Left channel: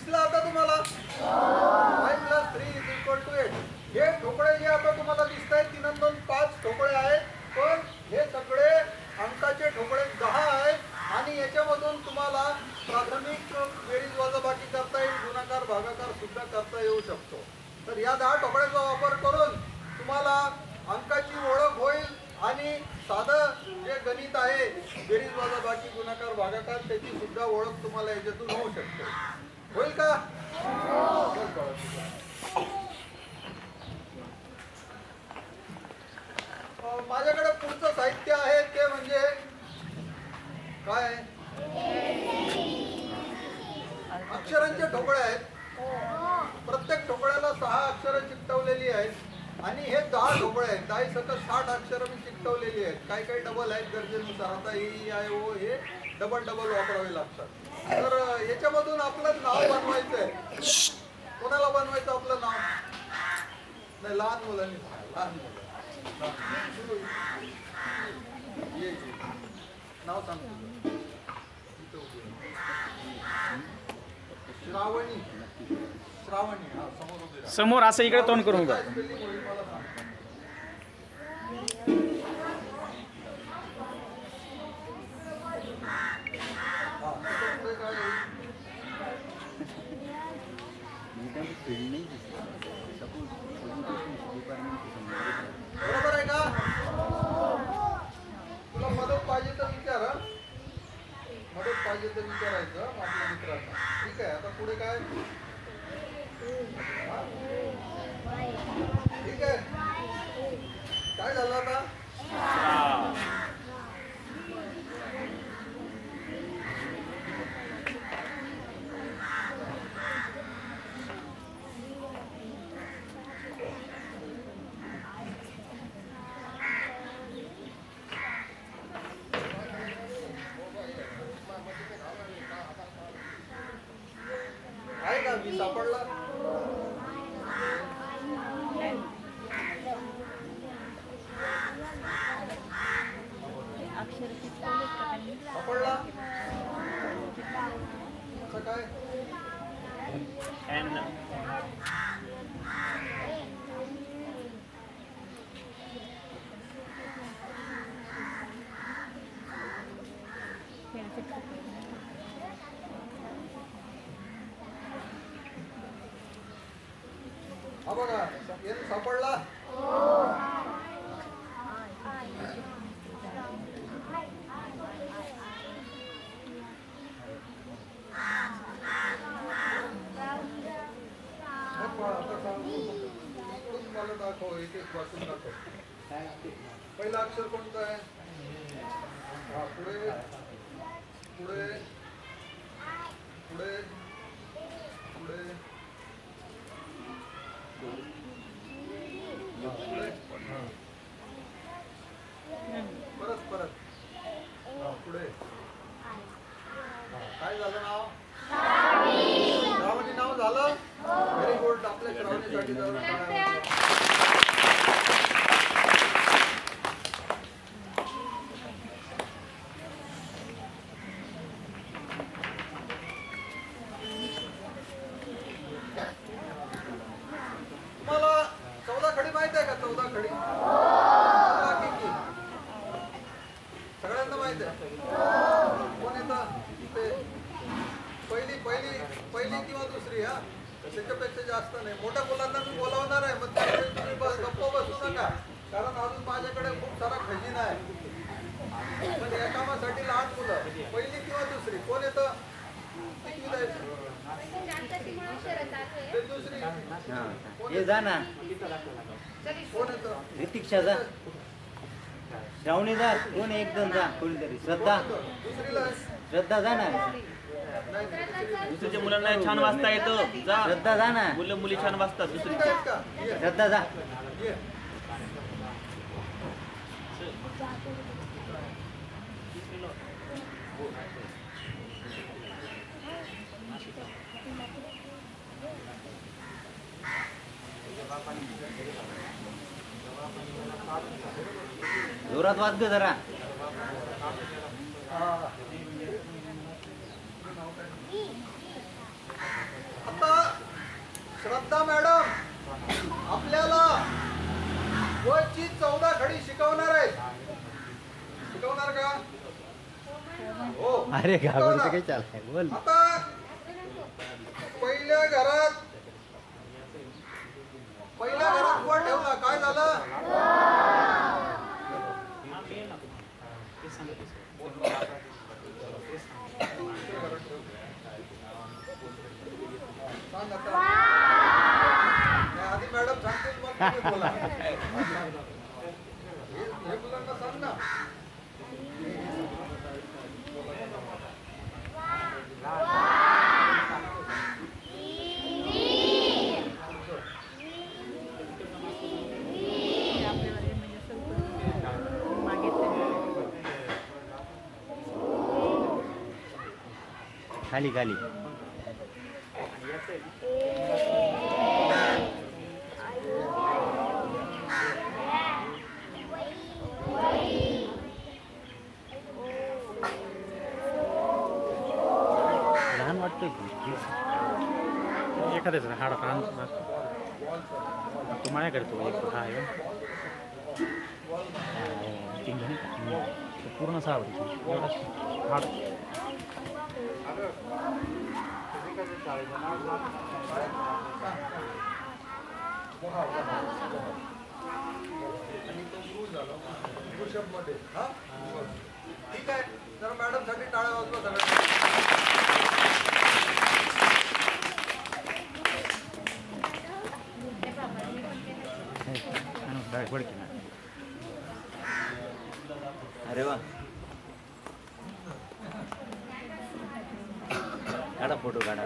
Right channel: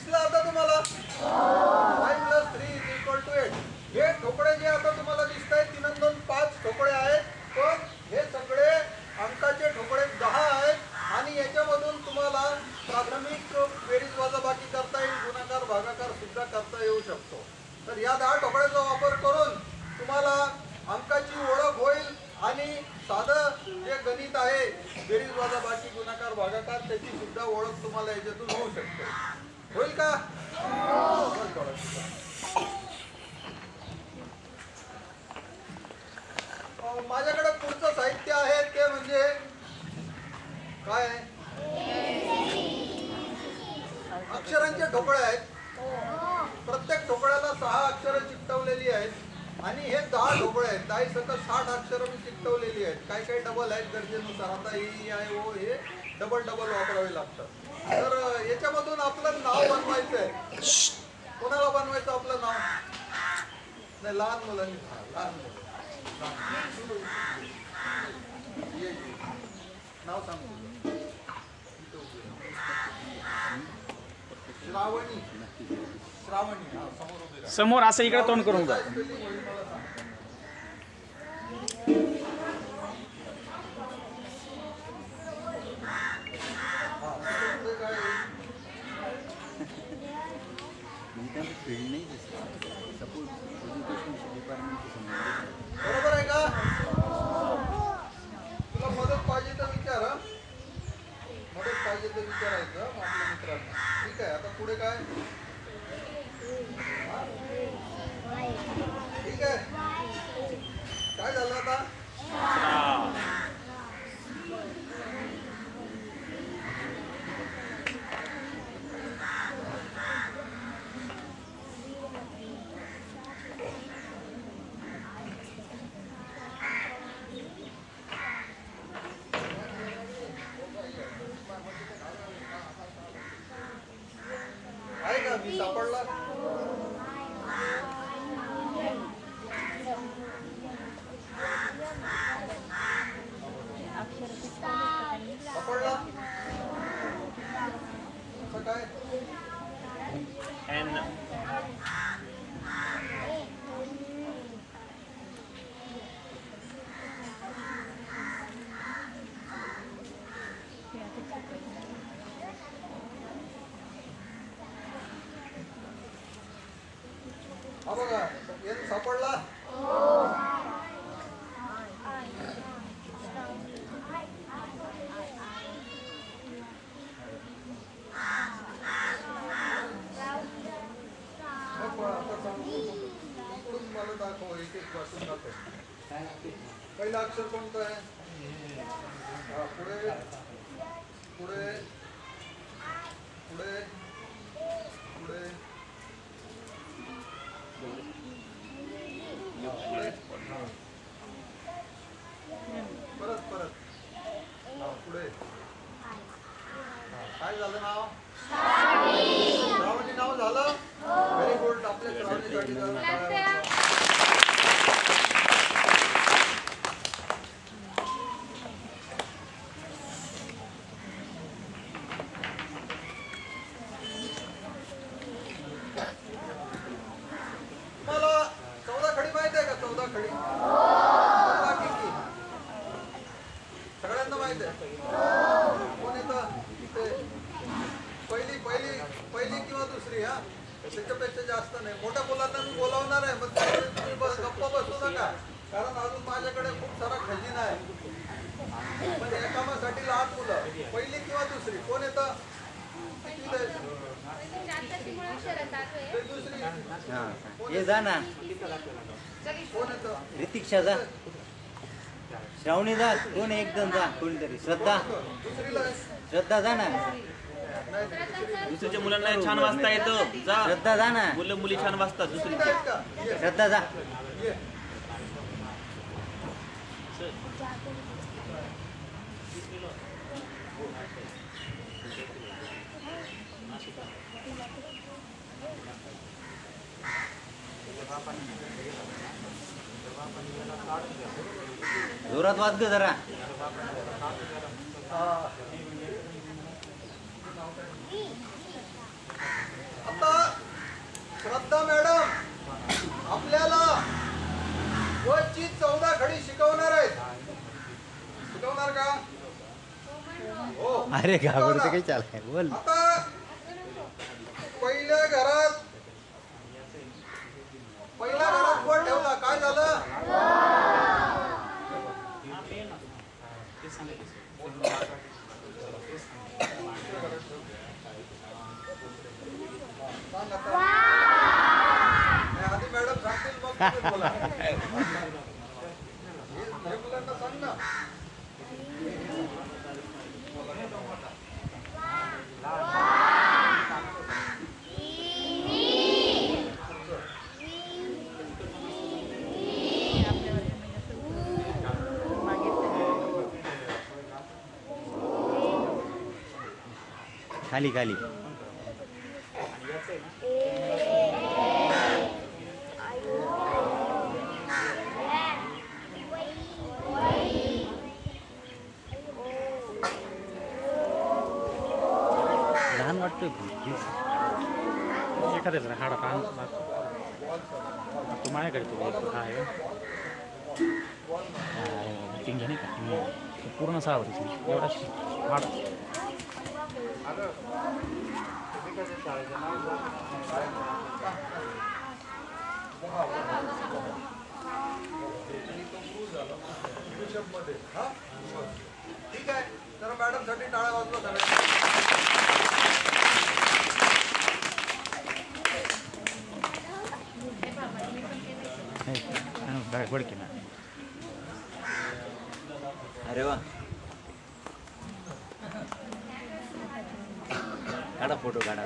दिसला आता तुम्हाला 5 + 3 = 8. हे ठोकळे जे आता तुम्हाला दिसत आहेत 3 2 5 ठोकळे आहेत, पण हे सगळे अंकाचे ठोकळे 10 आहेत आणि याच्यामधून तुम्हाला प्राथमिक बेरीज वजाबाकी करता येईल, गुणाकार भागाकार सुद्धा करता येऊ शकतो. तर या 10 ठोकळ्याचा वापर करून तुम्हाला अंकाची ओळख होईल आणि साधं जे गणित आहे बेरीज वजाबाकी गुणाकार भागाकार त्याची सुद्धा ओळख तुम्हाला याच्यातून होऊ शकते. होईल का? माझ्याकडे पुढचं साहित्य आहे ते म्हणजे काय? अक्षरांचे ठोकळे आहेत. प्रत्येक ठोकळ्याला 6 अक्षरं चिकटवलेली आहेत आणि हे 10 ठोकळे आहेत. 10 सकट 60 अक्षरं मी चिकटवलेली आहेत. काही काही डबल आहेत गरजेनुसार. आता ई आय ओ हे डबल वापरावे लागतात. तर याच्यामधून आपलं नाव बनवायचं आहे. कोणाला बनवायचं आपलं नाव? नाही, लहान मुलांनी. लहान मुलं ये नाव सांग तुझं. श्रावणी. श्रावणी. हा, समोर उभी राहा. समोर असं इकडे तोंड करून जा. स्पेलिंग होईल मला सांग. हा, पुढे काय बरोबर आहे का? तुला मदत पाहिजे तर विचार. मदत पाहिजे तर विचारायचं आपल्या मित्रांना. ठीक आहे. आता पुढे काय? ठीक आहे. काय झालं आता? आहे का? मी सापडला. सापडला असं काय? हा बघा, एन सापडला. मला दाखव, एक एक वाचून दाखव. पहिलं अक्षर कोणतं आहे? हा, पुढे पुढे पुढे पुढे पुढे परत परत. हा, पुढे. काय झालं नाव? श्रावणी नाव झालं. Very good. आपल्या श्रावणीसाठी झालं. टाळ्या. तुम्हाला 14 खडी माहित आहे का? 14 खडी सगळ्यांना माहित आहे. कोण येतं इथे? पहिली किंवा दुसरी. हा, त्याच्यापेक्षा जास्त नाही. मोठ्या मुलांना मी बोलावणार आहे, मग त्यावेळी तुम्ही गप्प बसू नका, कारण अजून माझ्याकडे खूप सारा खजिना आहे. पण या कामासाठी लहान मुलं. पहिली किंवा दुसरी. कोण येतं? किती द्यायचं? दुसरी. कोण येतं? कोण येतं? ऋतिक्षा जा. श्रावणी जा. कोण एकदम जा. कोणीतरी श्रद्धा. दुसरीला श्रद्धा जा ना. दुसरीच्या मुलांना छान वाचता येतं. जा. श्रद्धा जा ना. मुलं मुली छान वाचतात. दुसरी श्रद्धा जा. जोरात वाच दे जरा. शिकवणार का? हो. अरे घाबरतो शिकवणार. काही चालय बोल. आता पहिल्या घरात वर ठेवला काय झालं? सांग आता. नाही, आधी मॅडम सांगतील मग तुम्ही बोला. हे मुलांना सांग ना. खाली खाली. लहान वाटतंय की एखाद्याचा हाडा तू माझ्याकडे तो हा आहे मीटिंग नाही का पूर्ण हाड आणि तो गुरु झाला ऋषभ मध्ये. हा ठीक आहे. तर मॅडम साठी टाळ्या वाजवा सगळ्यांनी. अरे वा काढा फोटो काढा.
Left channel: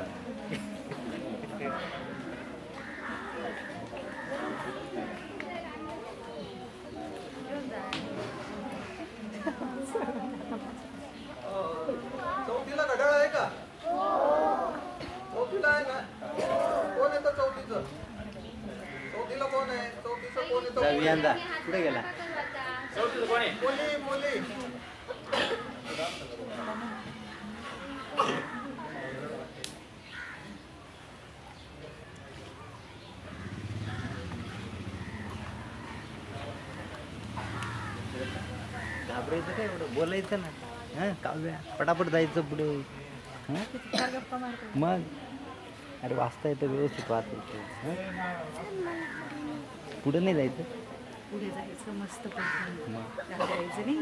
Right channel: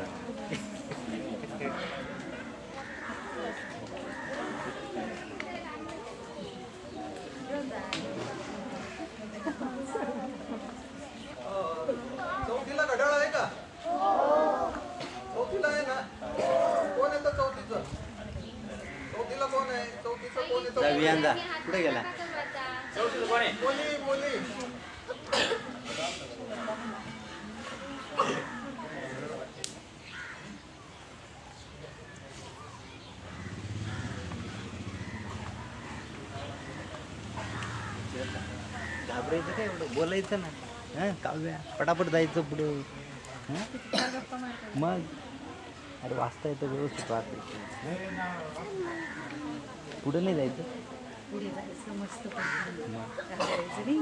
चौथीला घड्याळ आहे का? चौथीला आहे ना? कोण येतं चौथीचं? चौथीला कोण आहे? चौथीचं कोण येतं? वियांदा कुठे गेला? चौथीचं कोण आहे? मुली मुली. घाबरायचं काय एवढं बोलायचं ना. हां काव्या पटापट जायचं पुढे. हां मग अरे वाचता येतं व्यवस्थित वाचायचं. पुढे नाही जायचं. पुढे जायचं मस्त मग जायचं नाही.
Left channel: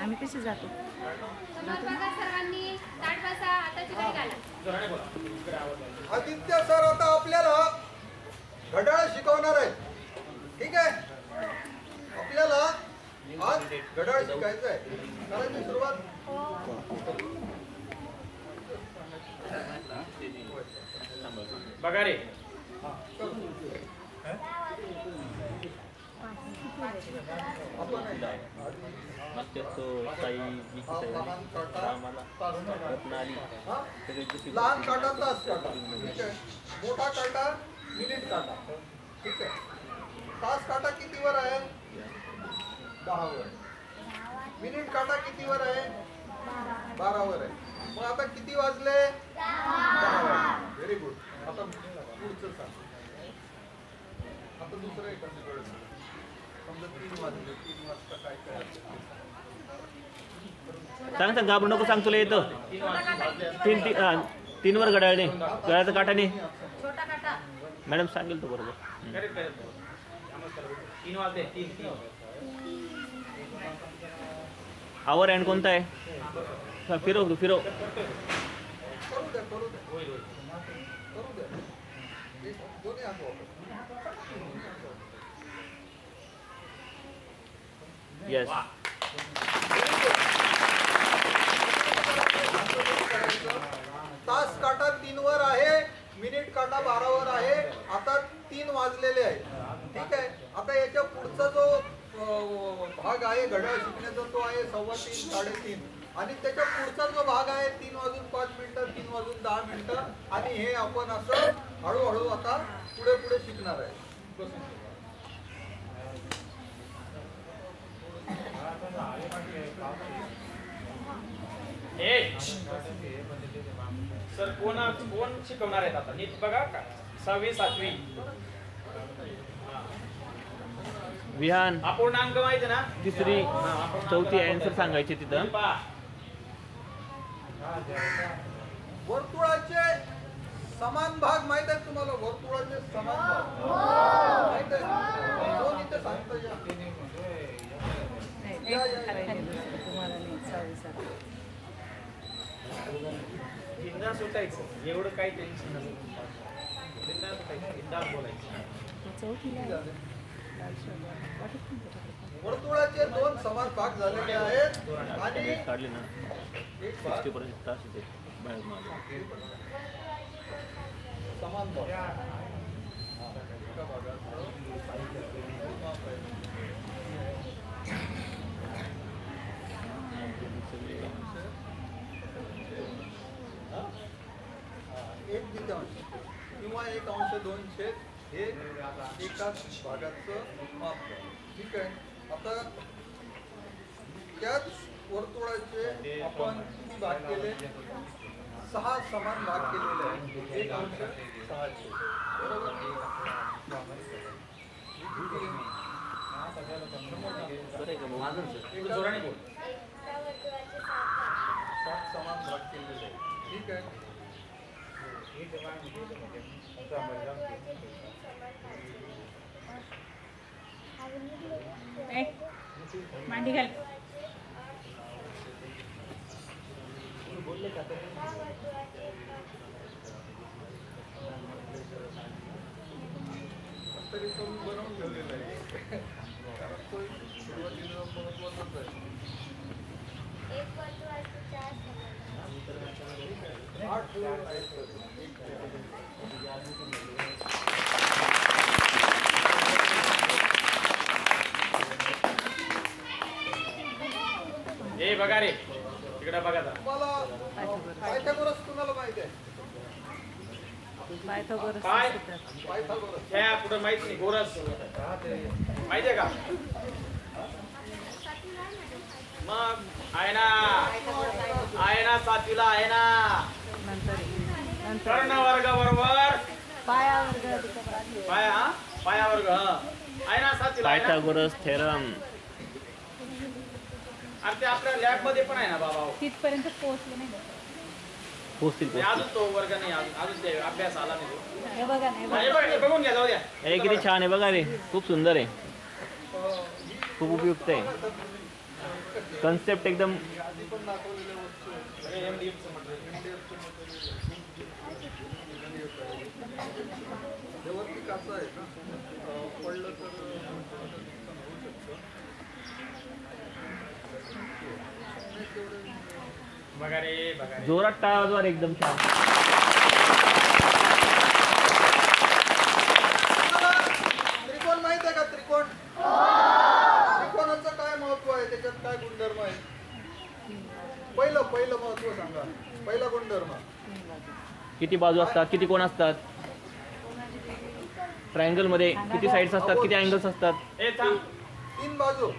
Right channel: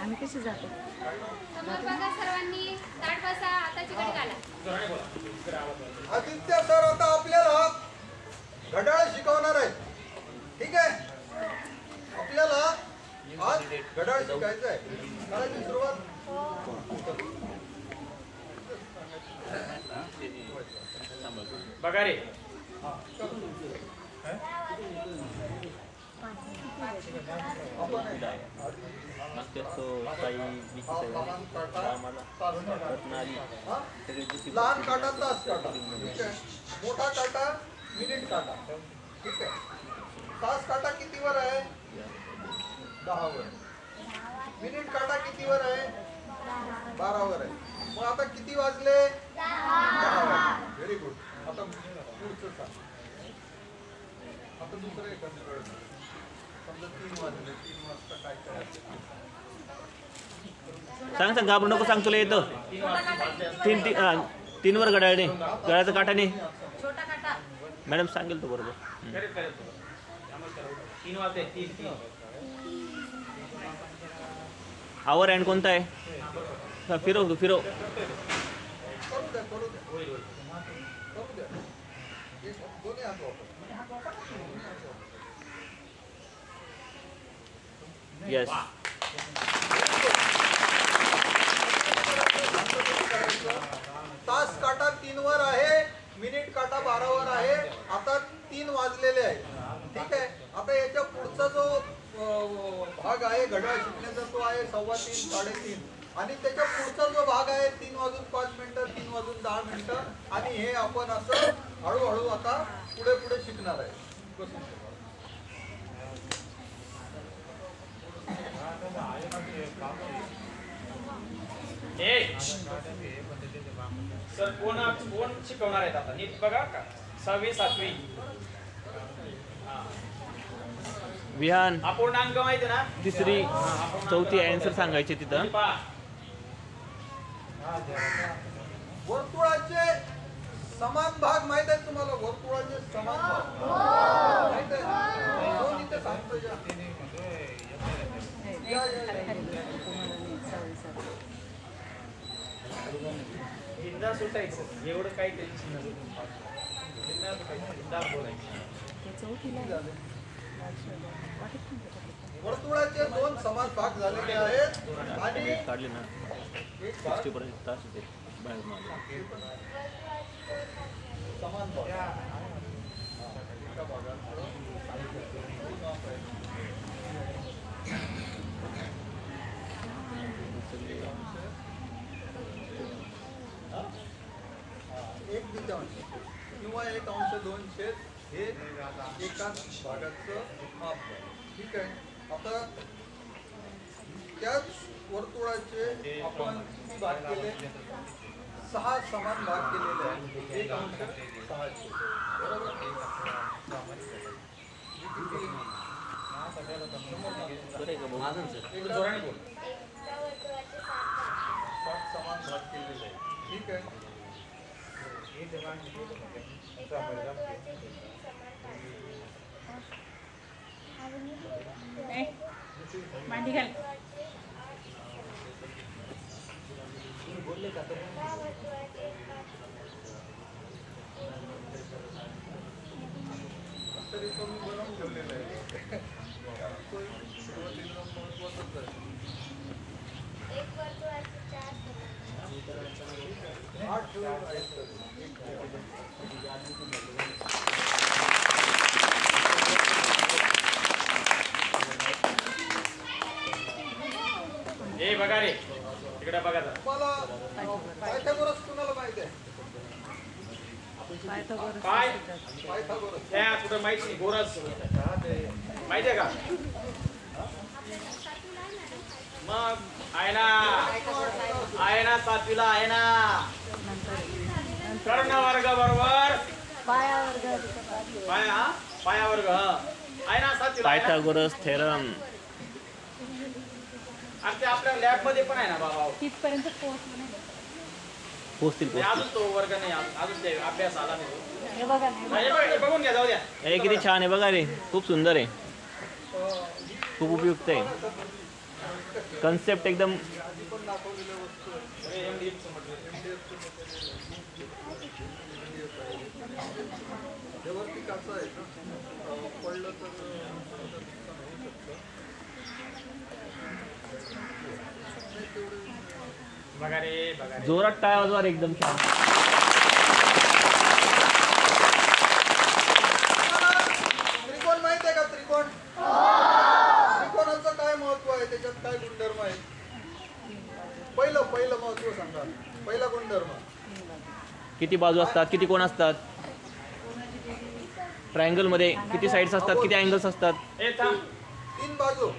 आम्ही कसे जातो? बघा सर्वांनी ताट बसा, हाताची घडी घाला. आदित्य सर आता आपल्याला घड्याळ शिकवणार आहे. ठीक आहे. आपल्याला आज घड्याळ शिकायचं आहे. करायची सुरुवात. बघा रे आपण लहान काटा तास काटा. ठीक आहे. मोठा काटा मिनिट काटा. ठीक आहे. तास काटा कितीवर आहे? 10 वर. मिनिट काटा कितीवर आहे? 12 वर आहे. मग आता किती वाजले? 10 वाजले. Very good. आता पुढचं सांग. आता दुसरं एखादं कळलं. समजा 3 वाजले. 3 वाजता काय काय? सांग सांग घाबरू नको. सांग तुला येतं. तीनवर घड्याळने घड्याळाचं काठाने. छोटा काटा. मॅडम सांगेल तो बरोबर. करेक्ट करेक्ट 3 वाजले 3 आवर हँड कोणता आहे? हा, फिरव तू फिरव. करू द्या करू द्या होईल होईल करू द्या. दोन्ही हात वापर. येस. तास काटा 3 वर आहे. मिनिट काटा 12 वर आहे. आता 3 वाजलेले आहेत. ठीक आहे. आता याच्या पुढचा जो भाग आहे घड्याळ शिकण्याचा तो आहे 3:15 3:30. आणि त्याच्या पुढचा जो भाग आहे 3 वाजून 5 मिनिटं 3 वाजून 10 मिनिटं. आणि हे आपण असं हळूहळू आता पुढे पुढे शिकणार आहे. बसून ठेवा. सर कोण शिकवणार आहेत आता नीट बघा का 6वी 7वी विहान अपूर्णांक माहिती ना? तिसरी चौथी आन्सर सांगायची तिथं. पहा. वर्तुळाचे समान भाग माहित आहेत तुम्हाला? वर्तुळाचे समान भाग माहित आहे? दोन इथे सांगतो या. या, या, या. तुम्हाला नाही 6 बिंदास सुटायचं, एवढं काही टेन्शन नसतं. बिंदास सुटायचं, बिंदास बोलायचं. वर्तुळाचे दोन समान भाग झालेले आहेत आणि काढले ना एक भाग 60% तास येते बाहेरून आले. समान भाग. एका भागाचं माप आहे. हा? एक द्वितीयांश किंवा 1/2 हे एकाच भागाचं माप झालं. ठीक आहे. आता त्याच वर्तुळाचे आपण किती भाग केले? 6 समान भाग केलेले आहेत. 1/6 बरोबर. हे किती आहे? थोडं जोराने बोल. एका वर्तुळाचे 7 भाग. 7 समान भाग केलेले आहेत. ठीक आहे. एका वर्तुळाचे 3 समान भाग केलेले आहेत. मांडी घाल. वर्तुळाचे 8 समान. 10 वर्तुळाचे 1 भाग. तरी तो मी बनवून ठेवलेला आहे. कारण तो सुरुवातीला महत्वाचाच आहे. 1 वर्तुळाचे 4 समान. 8 आहेत तर. ए बघा रे, तिकडे बघा जरा. तुम्हाला पायथागोरस कुणाला माहित आहे? काय पायथागोरस त्या कुठं माहित नाही. गोरस माहिती आहे का? मग आहे ना, आहे ना, 7वीला आहे ना. कर्ण वर्ग बरोबर पाया वर्ग आहे ना, 7वीला आहे ना. Pythagoras theorem. अरे ते आपल्या लॅब मध्ये पण आहे ना बाबा. तिथपर्यंत पोहोचलो नाही. पोहोचतील अजून तो वर्ग नाही, अजून ते अभ्यास आला नाही तो. हे बघा नाही. हे बघून घ्या, जाऊ द्या. अरे किती छान आहे बघा रे, खूप सुंदर आहे, खूप उपयुक्त आहे. कन्सेप्ट एकदम आधी पण दाखवलेल्या वस्तू आहेत. MDF चं मटेरियल. MDF आहे. त्यावरती काचा आहे ना, पडलं तर थोडंसं नुकसान होऊ शकतं. नाही तेवढं बघा रे, बघा रे. जोरात टाळ्या वाजवा रे, एकदम छान. तुम्हाला त्रिकोण माहित आहे का? त्रिकोण त्रिकोणाचं काय महत्व आहे? त्याच्यात काय गुणधर्म आहे? पहिलं महत्व सांगा. पहिला गुणधर्म. किती बाजू असतात, किती कोण असतात? ट्रायंगल मध्ये किती साइड्स असतात, किती अँगल्स असतात? ए थांब. 3 बाजू.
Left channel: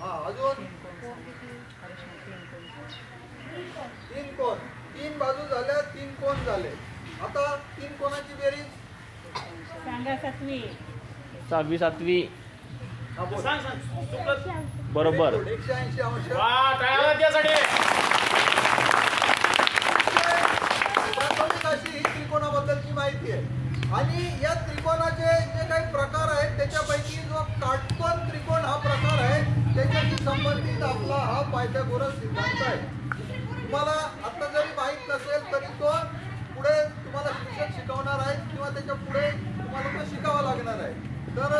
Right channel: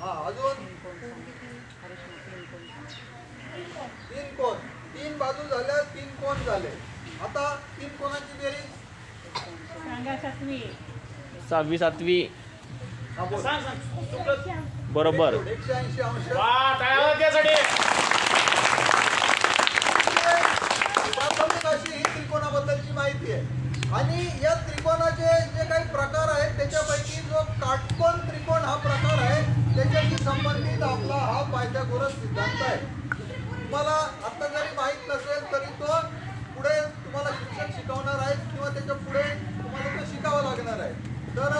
हा, अजून 3 कोण. 3 बाजू झाल्या, 3 कोण झाले. आता 3 कोणाची बेरीज सांगा 7वी. 6वी 7वी हा बोल. सांग चुकत. बरोबर. 180 अंश. वा, टाळ्या त्यासाठी. प्राथमिक अशी ही त्रिकोणाबद्दलची माहिती आहे. आणि या त्रिकोणाचे जे काही प्रकार आहेत त्याच्यापैकी जो काटकोन त्रिकोण हा प्रकार आहे त्याच्याशी संबंधित आपला हा पायथागोरस सिद्धांत आहे. तुम्हाला आता जरी माहीत नसेल तरी तो पुढे तुम्हाला शिक्षक शिकवणार आहेत किंवा त्याच्या पुढे तुम्हाला तो शिकावा लागणार आहे. तर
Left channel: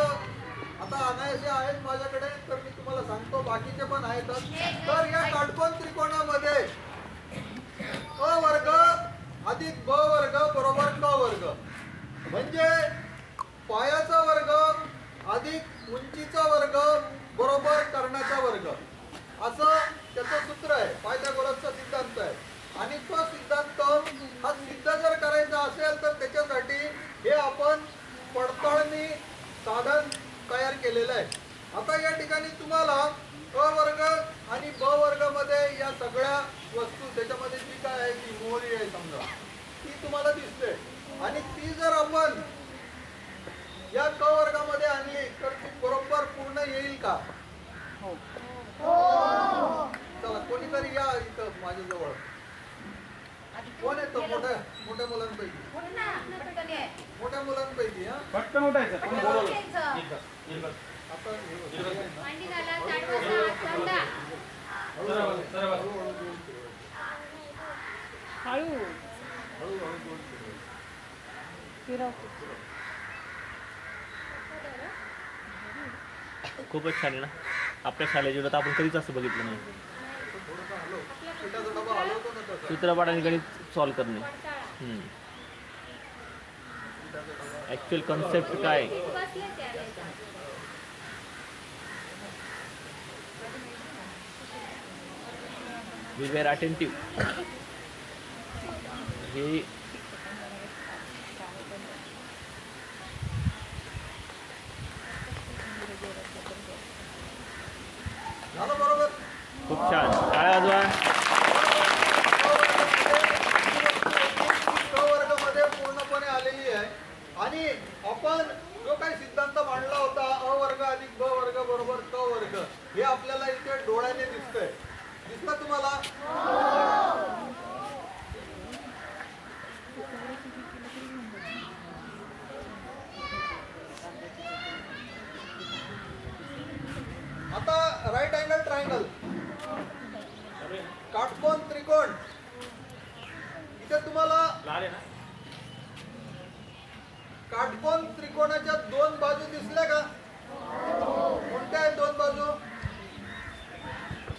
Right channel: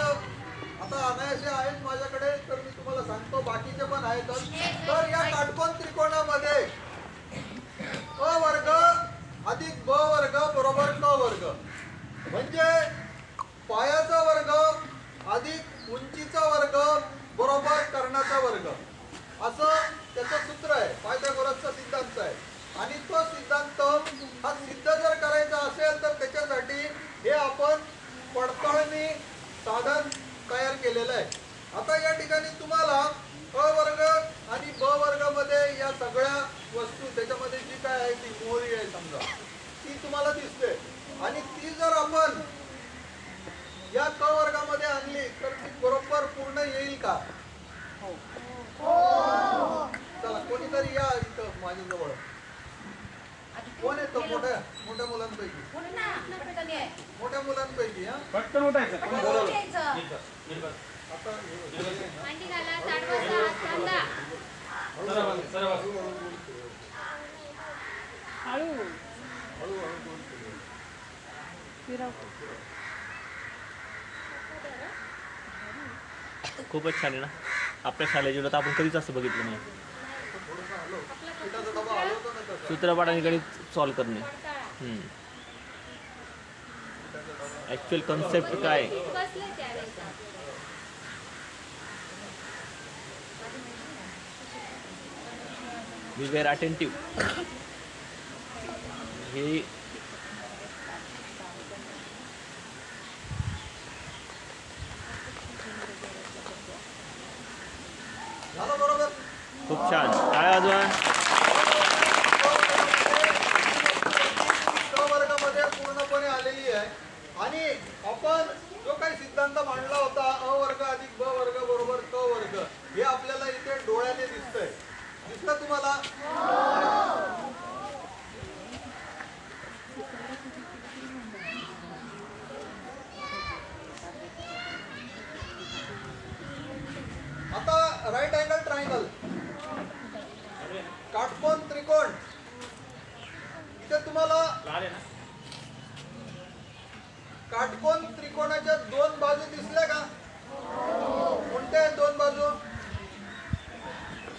आता अनायासे आहेत माझ्याकडे, तर मी तुम्हाला सांगतो, बाकीचे पण आहेतच. तर या काटकोन त्रिकोणामध्ये अ वर्ग अधिक ब वर्ग बरोबर क वर्ग, म्हणजे पायाचा वर्ग अधिक उंचीचा वर्ग बरोबर कर्णाचा वर्ग, असं त्याचं सूत्र आहे. पायथागोरसचा सिद्धांत आहे. आणि तो सिद्धांत हा सिद्ध जर करायचा असेल तर त्याच्यासाठी हे आपण पडताळणी साधन तयार केलेलं आहे. आता या ठिकाणी तुम्हाला अ वर्ग आणि ब वर्गामध्ये या सगळ्या वस्तू, त्याच्यामध्ये जी काय आहे ती मोहरी आहे समजा, ती तुम्हाला दिसते. आणि ती जर आपण या क वर्गामध्ये आणली तर ती बरोबर पूर्ण येईल का? चला कोणीतरी या इथं माझ्याजवळ. कोण येतो मोठ्या मोठ्या मुलांपैकी? मोठ्या मुलांपैकी हा पटकन उठायचं. कोण बोलवलं? नीट बस, नीट बस. आता हे बघ, हे आहे ना, मांडी घाला, ताट बसा, हात बांधा. सरळ बस, सरळ बस. हळूहळू गोल फिरव. हळू हळूहळू गोल फिरव. फिरव. खूपच छान आहे ना. आपल्या शाळेत तर आपण कधीच असं बघितलं नाही. थोडंसं हलव. पिठाचा डबा हलवतो ना तसा. चित्रपटाने गणित सॉल्व करणे. पिठाचा डबा. ॲक्च्युअल कन्सेप्ट काय आहे? बसले त्यावेळेस. We were attentive. हे झालं बरोबर. खूप छान. काय वाजवा. क वर्गामध्ये पूर्णपणे आलेली आहे. आणि आपण जो काही सिद्धांत मांडला होता अ वर्ग अधिक ब वर्ग बरोबर क वर्ग, हे आपल्याला इथे डोळ्याने दिसतंय. दिसतं तुम्हाला? आता राईट अँगल ट्रायंगल, काटकोन त्रिकोण, इथे तुम्हाला लाल आहे ना? काटकोन त्रिकोणाच्या दोन बाजू दिसल्या का? कोणत्या आहेत दोन बाजू?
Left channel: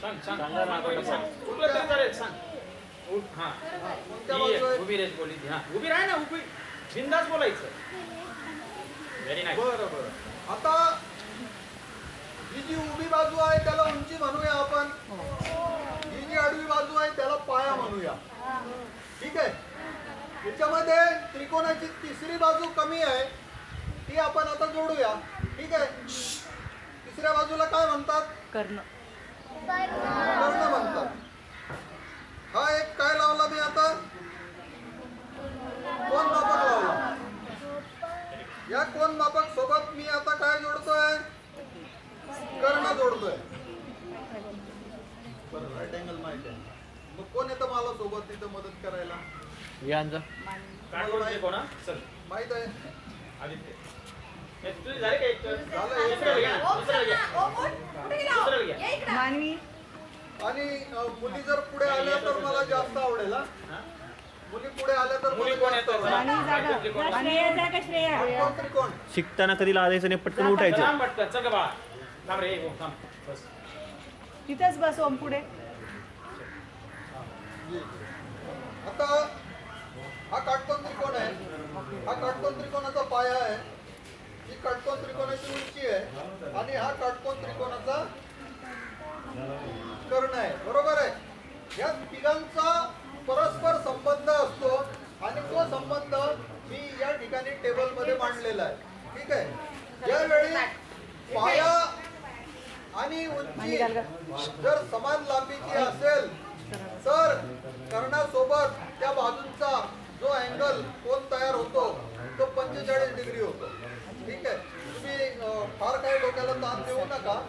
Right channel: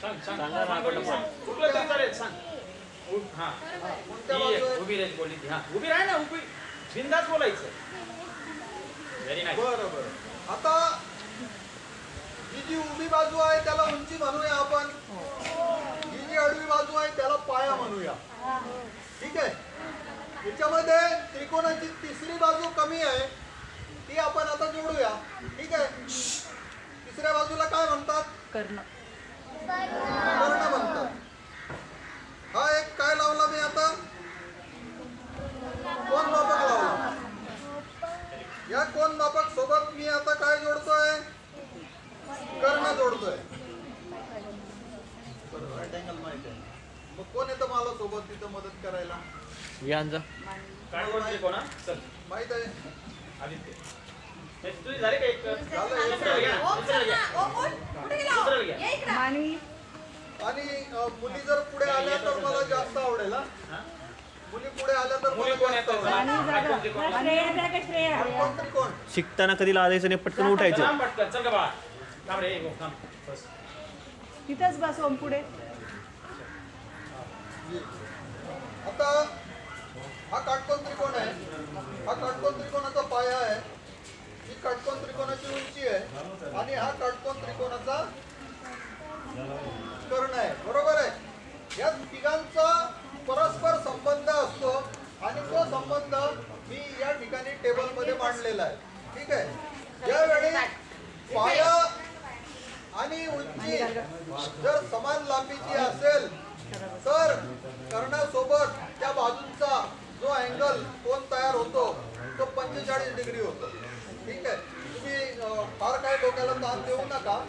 सांग, सांग. कुठलं तरी चालेल, सांग. हा. कोणत्या ही बाजू एक, आहेत? उभी रेच बोलली ती. हा, उभी राह ना, उभी. बिंदास बोलायचं. Very nice. बरं बरं. आता ही जी उभी बाजू आहे त्याला उंची म्हणूया आपण. ही जी आडवी बाजू आहे त्याला पाया म्हणूया. ठीक आहे. याच्यामध्ये त्रिकोणाची तिसरी बाजू कमी आहे, ती आपण आता जोडूया. ठीक आहे. तिसऱ्या बाजूला काय म्हणतात? कर्ण. कर्ण म्हणतात. हा एक काय लावला मी आता? कोण मापक लावला. या कोण मापक सोबत मी आता काय जोडतोय? कर्ण जोडतोय. बरं, राईट अँगल माहिती आहे. मग कोण येतं मला सोबत तिथं मदत करायला? यांचा काय बोलते कोण? चल. माहित आहे. आदित्य. तुझी झाली का एक? झालं एक. दुसरं घ्या. दुसरं घ्या. मानवी. आणि मुली जर पुढे आल्या तर मला जास्त आवडेल. हा? हा? मुली पुढे आल्या तर मला मुली कोण जास्त येतं? आवडेल. मानवी झालं. श्रेया जागा श्रेया. काटकोन त्रिकोण. शिकताना कधी लाजायचं नाही, पटकन उठायचं. थांब पटकन. चल का बाळा. थांब रे. हो, थांब. बस. तिथंच बस ओम पुढे. आता हा काटकोन त्रिकोण आहे. हा काटकोन त्रिकोणाचा पाया आहे. ही काटकोन त्रिकोणाची उंची आहे. आणि हा काटकोन त्रिकोणाचा कर्ण आहे. बरोबर आहे. या तिघांचा परस्पर संबंध असतो आणि तो संबंध मी या ठिकाणी टेबलमध्ये मांडलेला आहे. ठीक आहे. ज्यावेळी पाया आणि उंची जर समान लांबीची असेल तर कर्णासोबत त्या बाजूंचा जो अँगल कोन तयार होतो तो 45 डिग्री होतो. ठीक आहे. तुम्ही फार काही डोक्याला ताण देऊ नका.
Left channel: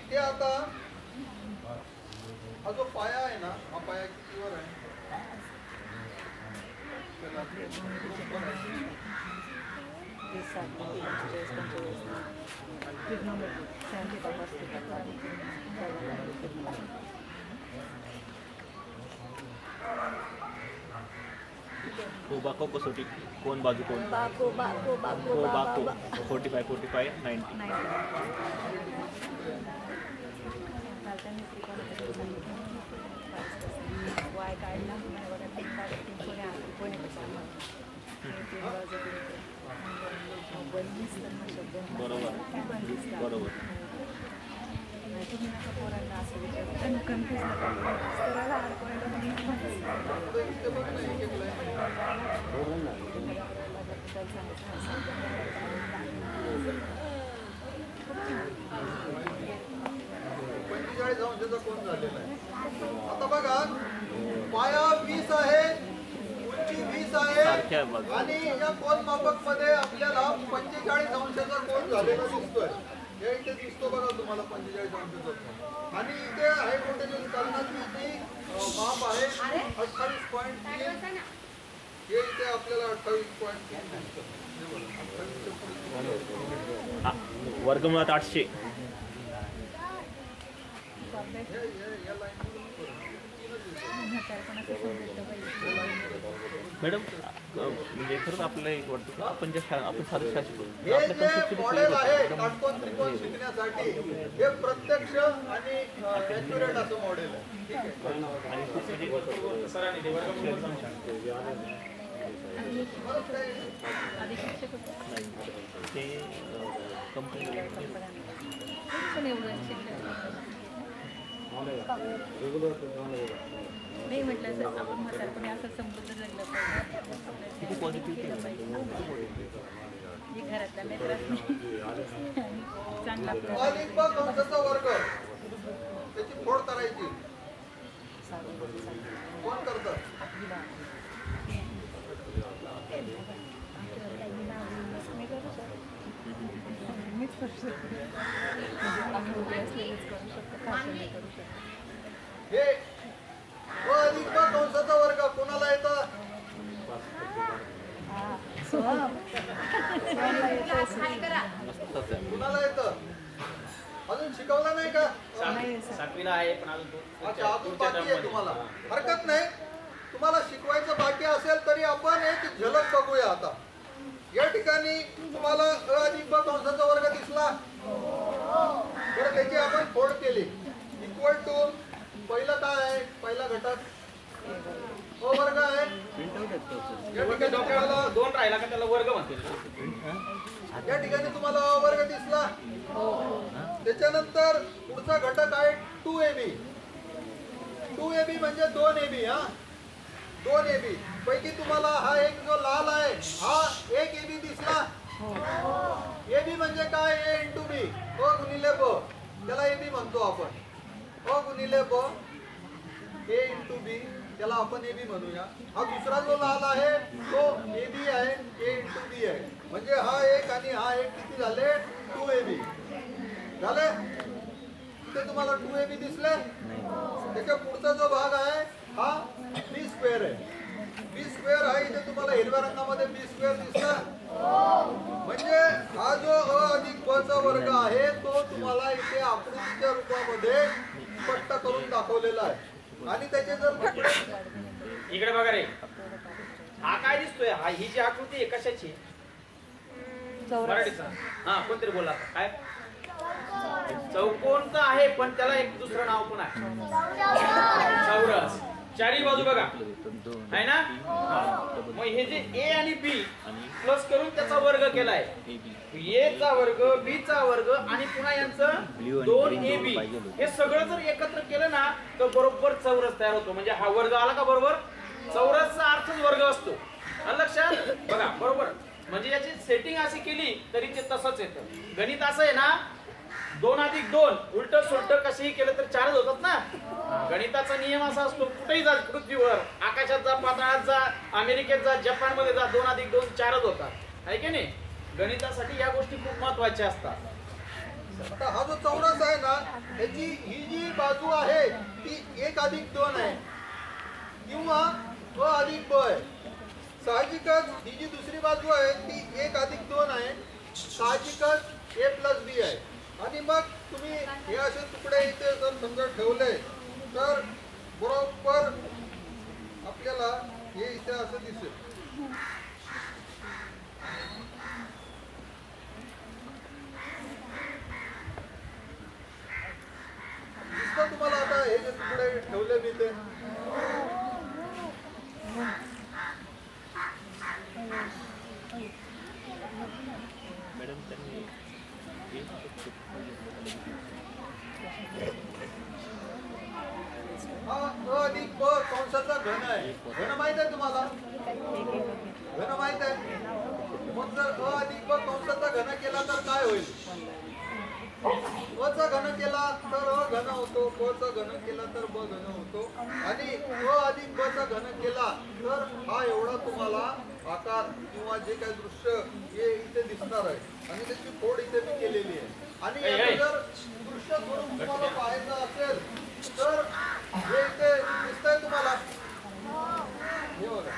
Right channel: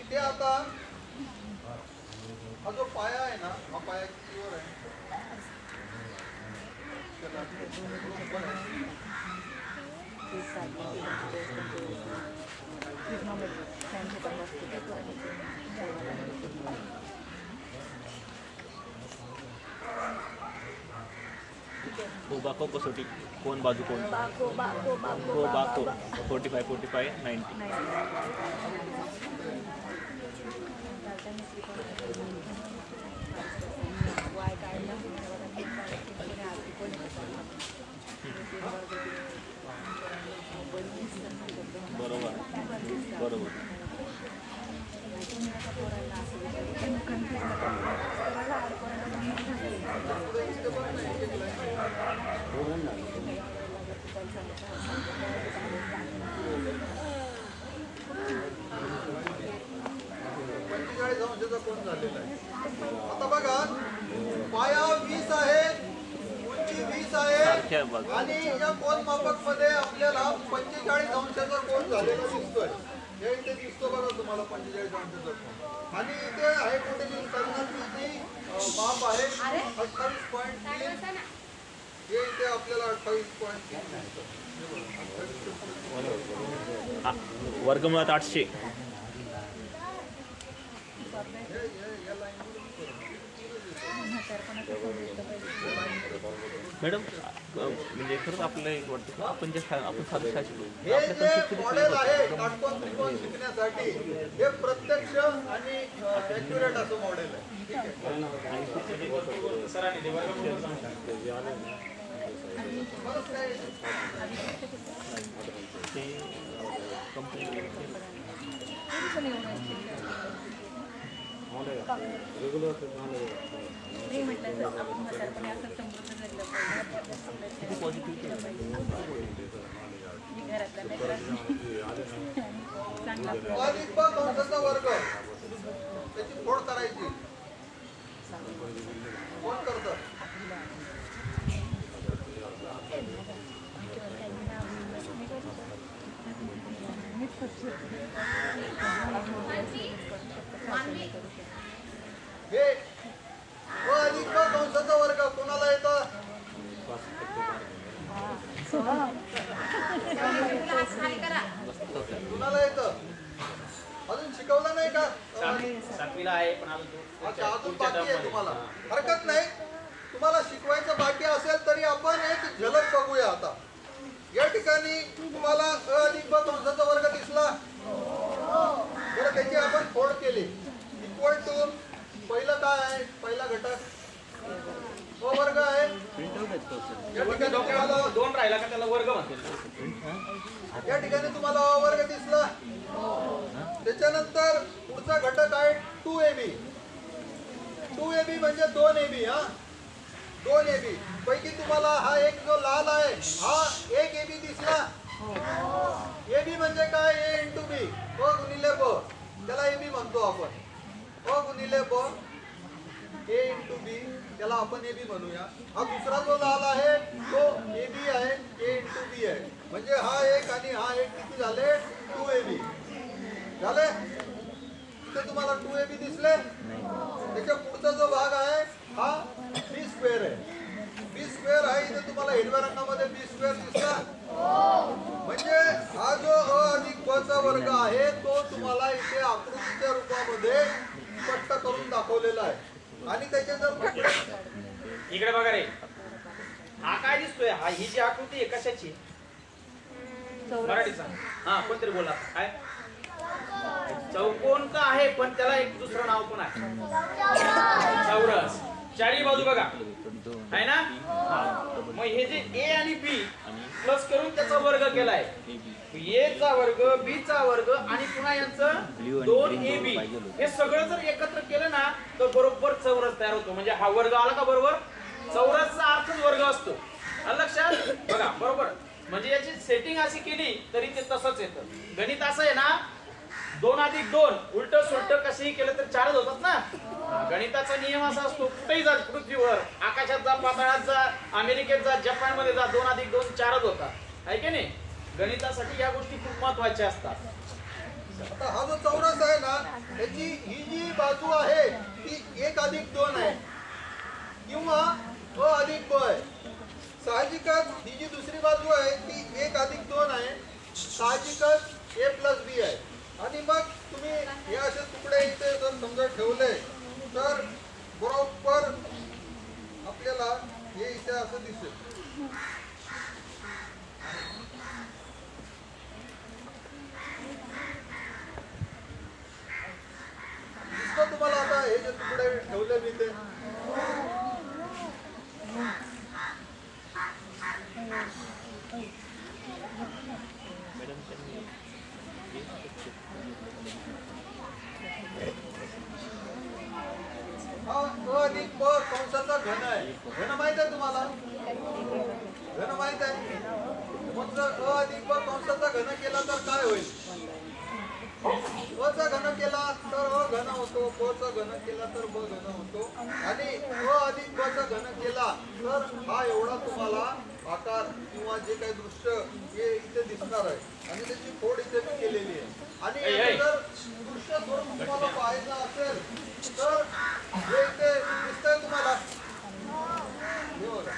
इथे आता हा जो पाया आहे ना, हा पाया कितीवर आहे? त्याला बरोबर आहे. बाको कसोटी कोण बाजू कोण को बाको 45 90. बरोबर बरोबर. पुढे इथे बघ ना, एक एक लाईन आहे. अंशाचा कोन झालेला आहे. आता बघा, पाया 20 आहे, उंची 20 आहे अख्ख्या बाजू आणि या कोन मापक मध्ये आपल्याला 45 अंशाचा कोन झालेला दिसतोय. या इथे दिसतो बघा तुम्हाला 45 अंशाचा कोन. आणि इथे हायपोटेन्यूज कर्णाची जी माप आहे 28.3. हे इथे आपल्याला 28.3 दिसतं. हे बघा, 28च्या पुढे वर्गमुळात 800. या लाईनमधून मॅडम म्हणजे खरंच आपल्याला एक वाटतं की आपण ज्या शाळा आपण सारी शाळा शिकलो हे जे मॉडेल आहे काटकोन त्रिकोण शिकण्यासाठी हे प्रत्यक्ष आणि ॲक्युरेट असं मॉडेल आहे. ठीक आहे. सरांनी ते वर्गमूळ सांगू शकतो. बरंच काय ते कंपनी नाही म्हटलं तर आपण म्हातारपणी असं समजून लागलं पाहिजे. किती पॉझिटिव्ह घरातला लेकरात चांगला अधिक ब कंसाचा वर्ग त्याची फोड करायची. कोण करतं? हे ब अधिक ब कंसाचा वर्ग कोणाला येतं? कुणाला येतं? अजून शिकवलं नाही का? सातवीला आहे पण अजून तो अच्छा, अजून बाकी आहे तुम्हाला. हरकत नाही, तुम्हाला शिकवायचं बाकी असेल तरी आपण एक झलक बघूया आता. या ठिकाणी तुम्हाला अ अधिक ब कंसाचा वर्ग दिसला. बरं, त्याची आपण फोड केली. इक्वल टू पहिलं काय आहे? पहिला घटक अ वर्ग आहे. या ठिकाणी तुम्हाला दोन राहिला का त्याला वर्ग म्हणतो. या ठिकाणी तुम्हाला अ वर्ग दिसला. त्याच्यानंतर पुढचा घटक आहे 2ab. 2ab म्हणजे 2ab. हा, 2ab पैकी तुम्हाला हा एक जो लाल आहे हा एक ab दिसला. ab म्हणजे काय? a into b. अ गुणिले ब, त्याला ab म्हणतो आपण. अ गुणिले ब, a इंटू b, त्याला आपण ab म्हणूया. हा दुसरा जो लाल आहे तो ab आहे, a इंटू b आहे. म्हणजे हा एक आणि हा एक किती झाले? 2ab झाले. इथे तुम्हाला 2ab दिसले. त्याच्या पुढचा जो भाग आहे हा b स्क्वेअर आहे. b स्क्वेअर आहे. इथे तुम्हाला हिरव्या रंगामध्ये b स्क्वेअर दिसला. म्हणजे हा जो अ अधिक ब चा वर्ग आहे तो तुम्हाला इथे आकृतीच्या रूपामध्ये स्पष्ट करून दाखवलेला आहे. आणि त्याचे जर तुकडे इकडे बघा रे, हा काय दिसतोय? हा ही जी आकृती आहे कशाची? मराठीचा. हा, कोणतरी बोला काय? चौकोनचा आहे पण त्याला एक दुसरं नाव पण आहे, चौरस. चारी बाजू बघा आहे ना. मग हे जे ए आणि बी प्लस करून त्याचा वर्ग केलाय. ए चा वर्ग, बी चा वर्ग आणि पुन्हा यांचं 2ab हे सगळं जर एकत्र केलं ना तर बरोबर चौरस तयार होतो. म्हणजे हा वर्ग आला का बरोबर चौरसचा अर्थच वर्ग असतो. आलं लक्षात? बघा बरोबर. म्हणजे याची सेटिंग अशी केली तरी ते तसंच येतं. गणित असं आहे ना, 2 अधिक 2 उलट सुलट कसंही केलं तर 4च होतात ना. गणिताचा नियम असा असतो, कुठेही जा पृथ्वीवर, आकाशात जा, पाताळात जा, अमेरिकेत जा, जपान मध्ये जा, 2 अधिक 2 4च होतात. आहे की नाही? गणितासाठी या गोष्टी खूप महत्वाच्या असतात. आता हा जो चौरस आहे ना, त्याची ही जी बाजू आहे ती 1 अधिक 2 आहे किंवा अ अधिक ब आहे. साहजिकच ही जी दुसरी बाजू आहे ती 1 अधिक 2 आहे. साहजिकच a प्लस बी आहे. आणि मग तुम्ही हे असे तुकडे इथे जर समजा ठेवले तर बरोबर आपल्याला हे इथे असं दिसेल. दिसतं तुम्हाला आता हे जे तुकडे ठेवले मी ते? मॅडम त्यांनी हा अ अधिक ब कंसाचा घन आहे. घन माहित आहे तुम्हाला? घन माहित आहे. मग जर अ अधिक ब कंसाचा घन केला तर काय होईल? अ चा घन केला तर अ घन होतो, ब चा घन केला तर ब घन होतो आणि अ अधिक ब चा घन केला तर हा एवढा तुम्हाला आकार किंवा जे काही दृश्य हे इथे दिसणार आहे आणि त्याची फोड इथे मी केलेली आहे. आणि याचं जर दृश्य स्वरूप तुम्हाला पाहायचं असेल तर हे इथे दिसतंय तुम्हाला, हे बघा.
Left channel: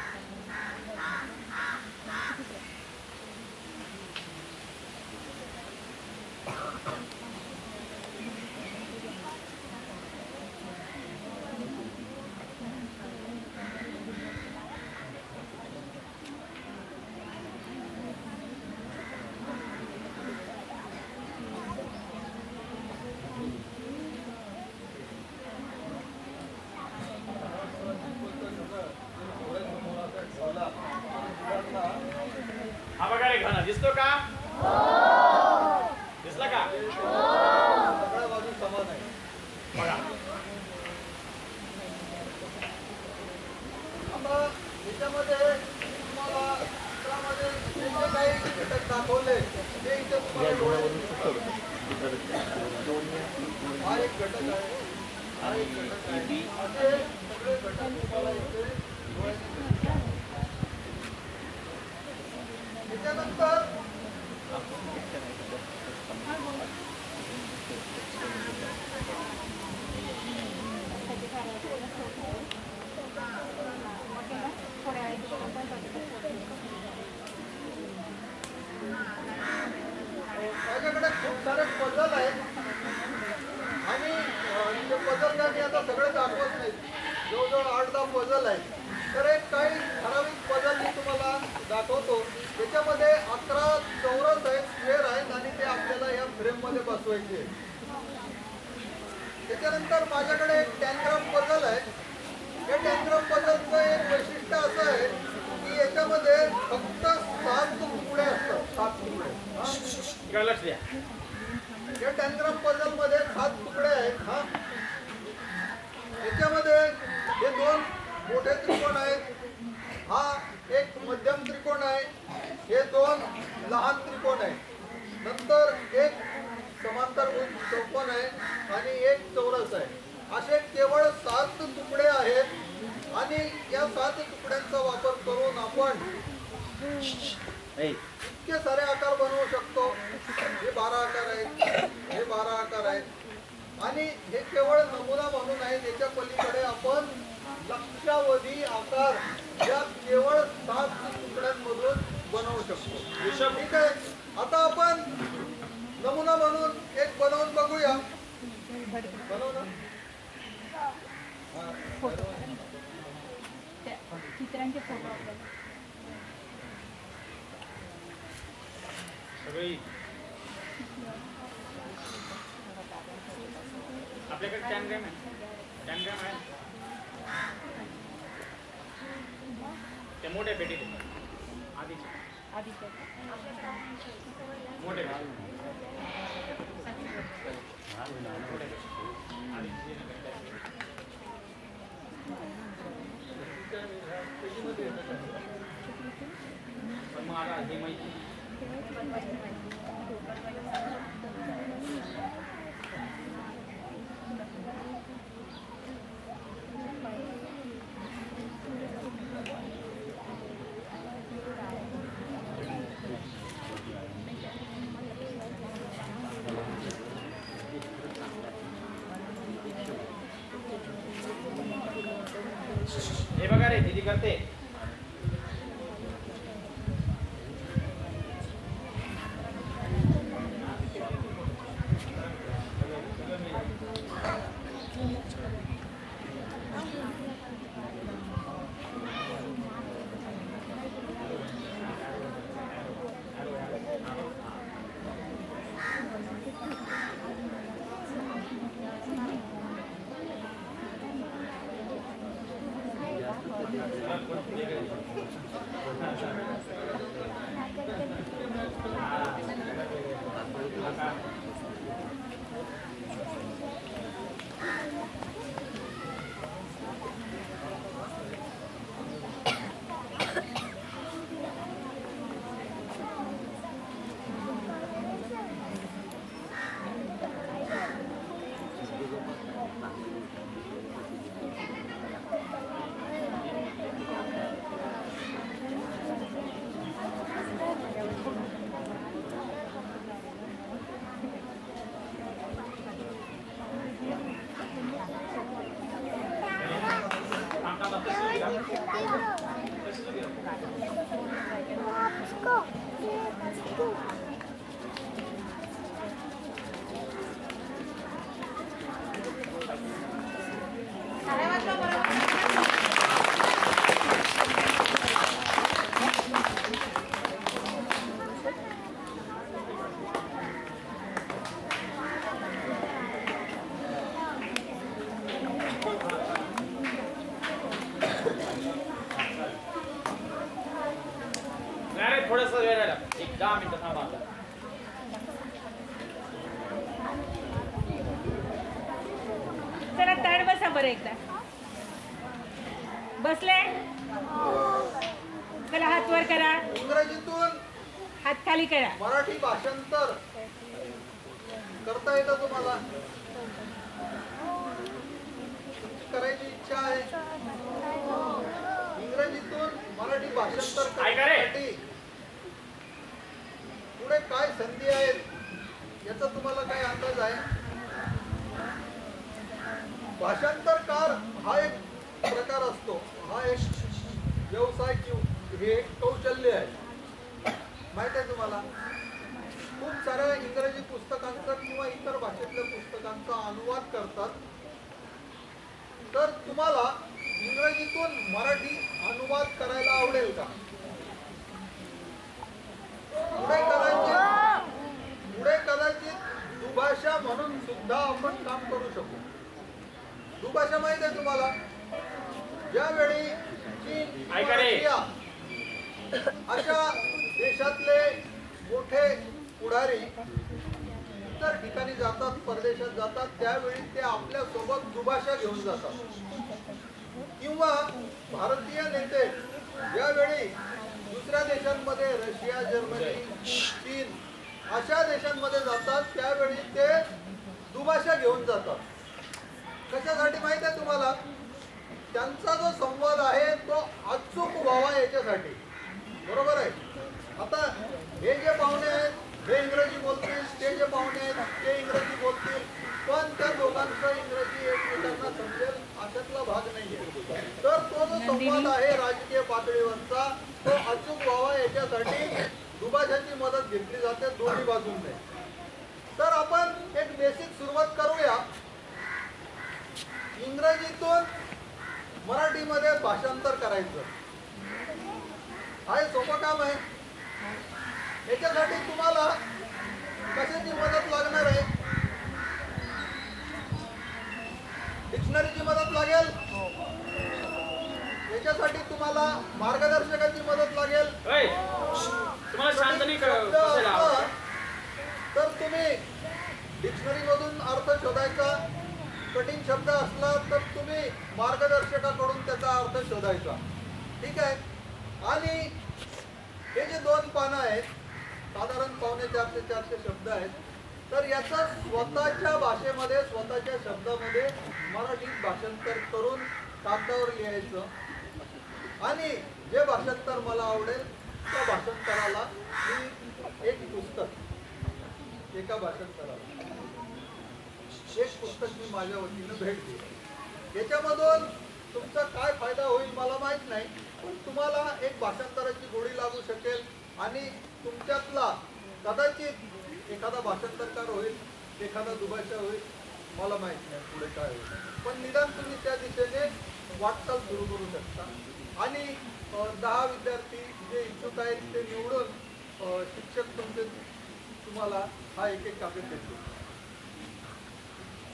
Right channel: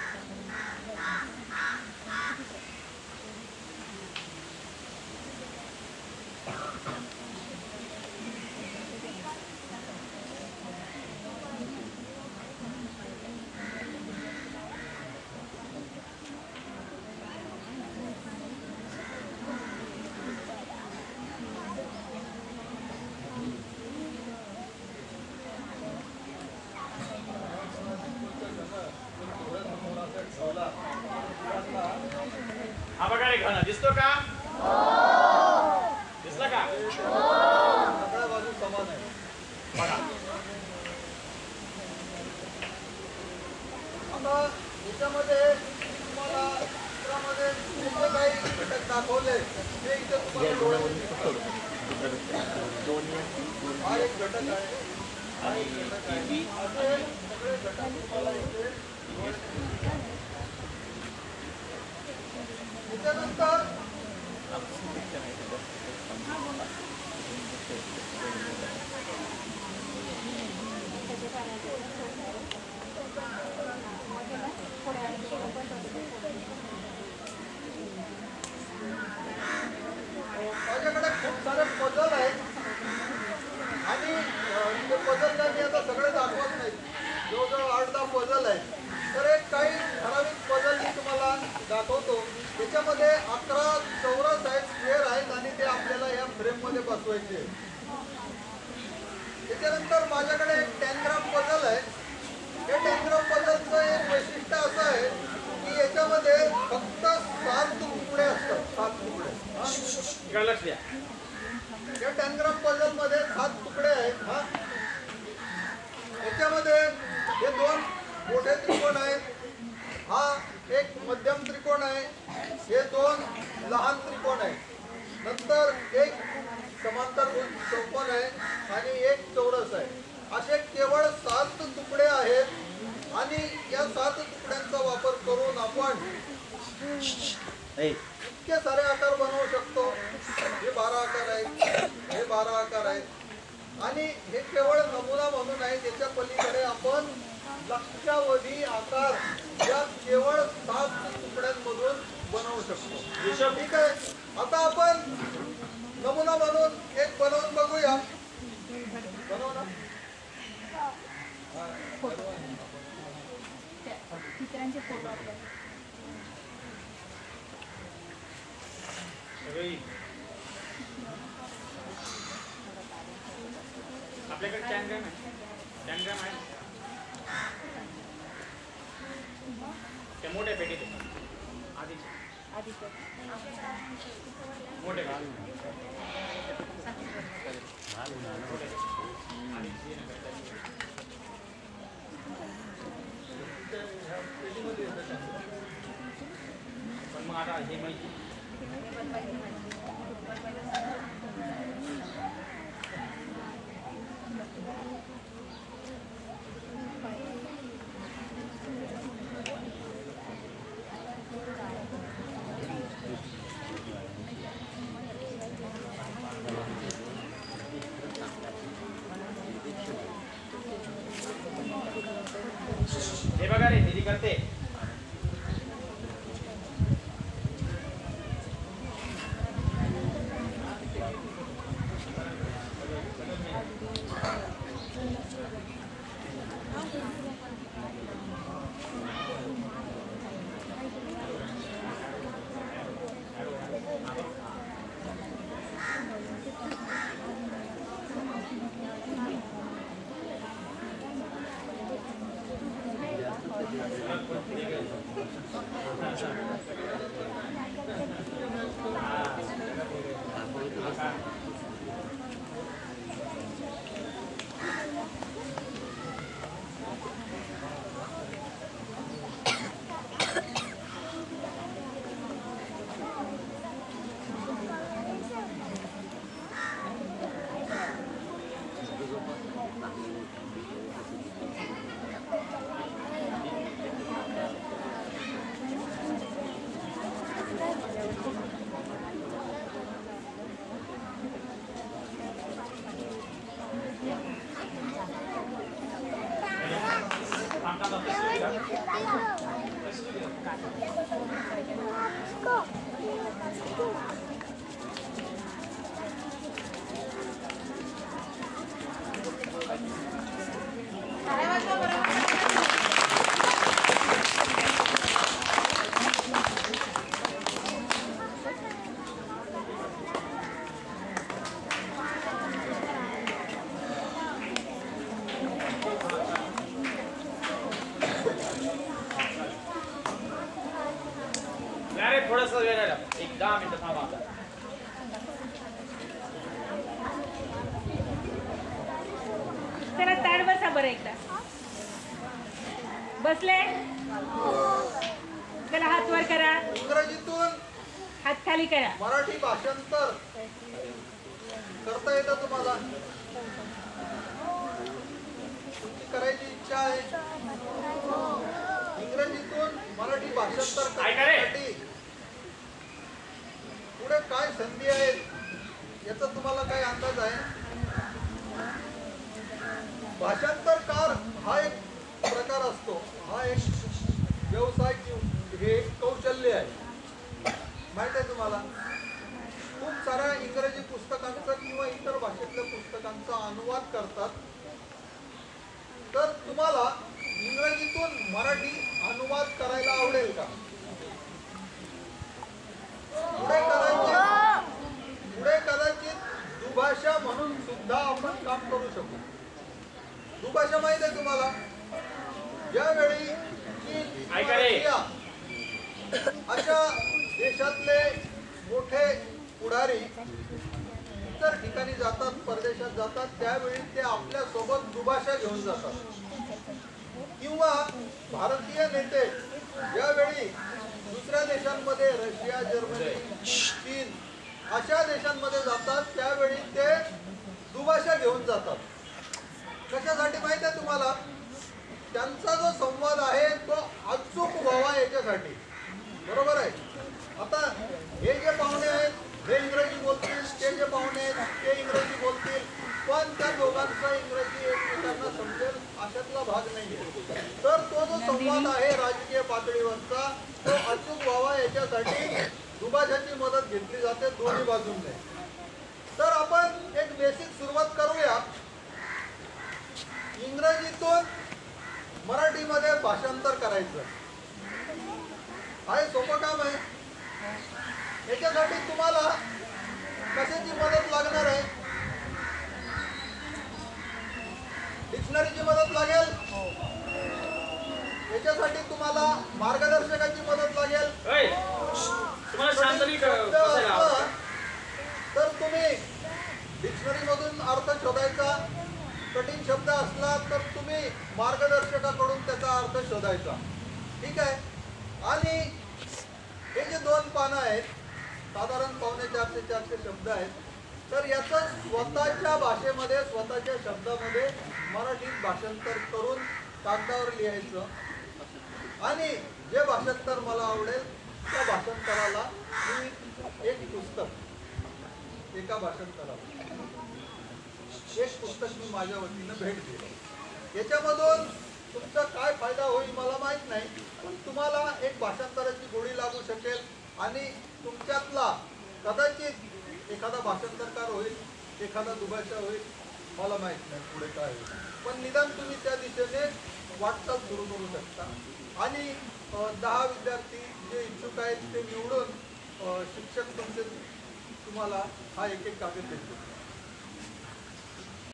हा बघा रे घन दिसतो का? दिसला का? सगळ्या बाजू समान आहे. बघा आता याच्यामध्ये मी तुम्हाला चित्रामध्ये जे जे काही घटक दाखवले ते इथे तुम्हाला डोळ्याने दिसतात. हा एक घटक आहे, हा एक घटक आहे, असे सगळे घटक तुम्हाला इथे डोळ्याने दिसतात. त्याच्यानंतर माझ्याकडे खूप सारे पझल आहेत आणि ते पझल काय मी आता सगळे दाखवत नाही, जवळजवळ 8-10 पझल आहेत. तर एक काही ठराविक पझल मी तुम्हाला दाखवतो. त्याच्यामध्ये 11 चौरस आहेत, स्क्वेअर आहेत आणि ते आपल्याला या फ्रेममध्ये बसवायचे आहेत. त्याच्यानंतर माझ्याकडे एक टॅनग्राम पझल आहे. या टॅनग्राम पझलचं एक वैशिष्ट्य असं आहे की याच्यामध्ये फक्त 7 तुकडे असतात, 7 तुकडे. इकडे लक्ष द्या. या टॅनग्राम पझल मध्ये 7 तुकडे आहेत. हा याच्यामध्ये हे 2 मोठे त्रिकोण आहेत, हा एक मध्यम त्रिकोण आहे, हे 2 लहान त्रिकोण आहेत, नंतर एक समांतरभुज चौकोन आहे आणि एक चौरस आहे. असे केवळ 7 तुकडे आहेत आणि या 7 तुकड्यांचा वापर करून आपण इतके सारे आकार बनवू शकतो. हे 12 आकार आहेत, हे 12 आकार आहेत आणि हे केवळ नमुना म्हणून आहे. त्याच्या पलीकडे आपण लक्षावधी आकार या केवळ 7 तुकड्यांमधून बनवू शकतो. ठीक आहे, आता आपण नमुना म्हणून एक बनवून बघूया. बनव ना. चित्रांचे फोटो सगळी आपल्याकडे टॅनग्राम आहे, टॅनग्राम आहे त्या मोठ्या पेटीत आधी मोठ्या पेटीत पण मग आता हे माहिती हे बघा रे दीदी करते. अरे थोडस वेळ राहिला, एक 10 मिनिटं थांबा आता. चला ताड बसा बरं एकदा. बसले. चला हात वर करा, इंग्रजीतून हात खाली करा. मराठी भाषांतर करता येतं तुम्हाला? तुमची करायची इच्छा आहे? इंग्रजीतून मराठी भाषांतर करण्यासाठी पुढे काय संधी आहेत याचा तुम्हाला काय अंदाज आहे? भाषांतरकार हा एक प्रकार असतो, हा एक व्यवसाय किंवा हे एक कौशल्य आहे. माहित आहे तुम्हाला? खूप साऱ्या इंग्रजी पुस्तकांचा किंवा इतर भाषेतल्या पुस्तकांचा अनुवाद करतात. तर तुम्हाला इंग्रजीतून मराठी अनुवाद करायला आवडेल का? पुढे कदाचित दुभाषा म्हणून सुद्धा आपण काम करू शकू. दुभाषा माहित आहे तुम्हाला? ज्यावेळी चीन किंवा रशिया अशा देशातले मोठे पुढारी इतर ठिकाणी जातात, परदेशात जातात, त्यावेळी ते आपल्या सोबत दुभाषा घेऊन जातात. किंवा भारतीय नेते ज्यावेळी दुसऱ्या देशांमध्ये रशिया, जर्मनी, चीन अशा देशांमध्ये जातात त्यावेळी ते दुभाषा घेऊन जातात. कशासाठी माहित आहे तुम्हाला? त्यांचा जो संवाद आहे तो अचूक व्हावा याच्यासाठी. बरोबर आहे? आता हे जे पाहुणे आहेत हे इंग्रजी बोलतील, ते जे पाहुणे आहेत ते इंग्रजी बोलतील, पण त्या दोघांचं इंग्रजी एकमेकांना समजेल अशातला भाग नाहीये. तर तो जो संवाद आहे राजकीय पातळीवरचा तो अचूक व्हावा याच्यासाठी दुभाषाची मदत घेतली जाते दोन्ही बाजूंनी. तर आपण एक बेसिक सुरुवात करूया. इंग्रजीतून मराठीमध्ये भाषांतर करायचं हे सोपं काम आहे. याच्यासाठी तुम्हाला कशाची मदत लागणार आहे? डिक्शनरीची मदत लागेल. याच्यासाठी तुम्हाला मार्गदर्शकाची मदत लागेल. तुम्हाला शांतनी तर तुम्ही डिक्शनरी मधून अर्थ शोधायचा. कठीण शब्द असला तर तुम्ही मार्गदर्शकाकडून त्याचा अर्थ शोधायचा. ठीक आहे? आणि हे जे 2 पानं आहेत साधारण 450 शब्द आहेत. तर याचं स्वतःच्या भाषेमध्ये स्वतःच्या शब्दामध्ये मराठीत भाषांतर करून कागदावर लिहायचं. आणि जे भाषांतर मला आवडेल त्या भाषांतराला मी एक पुस्तक एका भाषांतराला एक पुस्तक मी माझ्या वतीनं भेट देईल. याच्यामधून तुमचा काय फायदा होईल मला माहित नाही, पण तुम्हाला एक भाषांतराची गोडी लागू शकेल आणि तुमच्यातला कदाचित एखादा भाषांतरकार होईल, एखादा दुभाषा होईल, मला माहित नाही पुढे काय होईल. पण निदान तुम्ही त्या दिशेने वाटचाल सुरू करू शकता. आणि 10 विद्यार्थी जे इच्छुक आहेत ते निवडून शिक्षक तुम्हाला हा एक कागद देतील.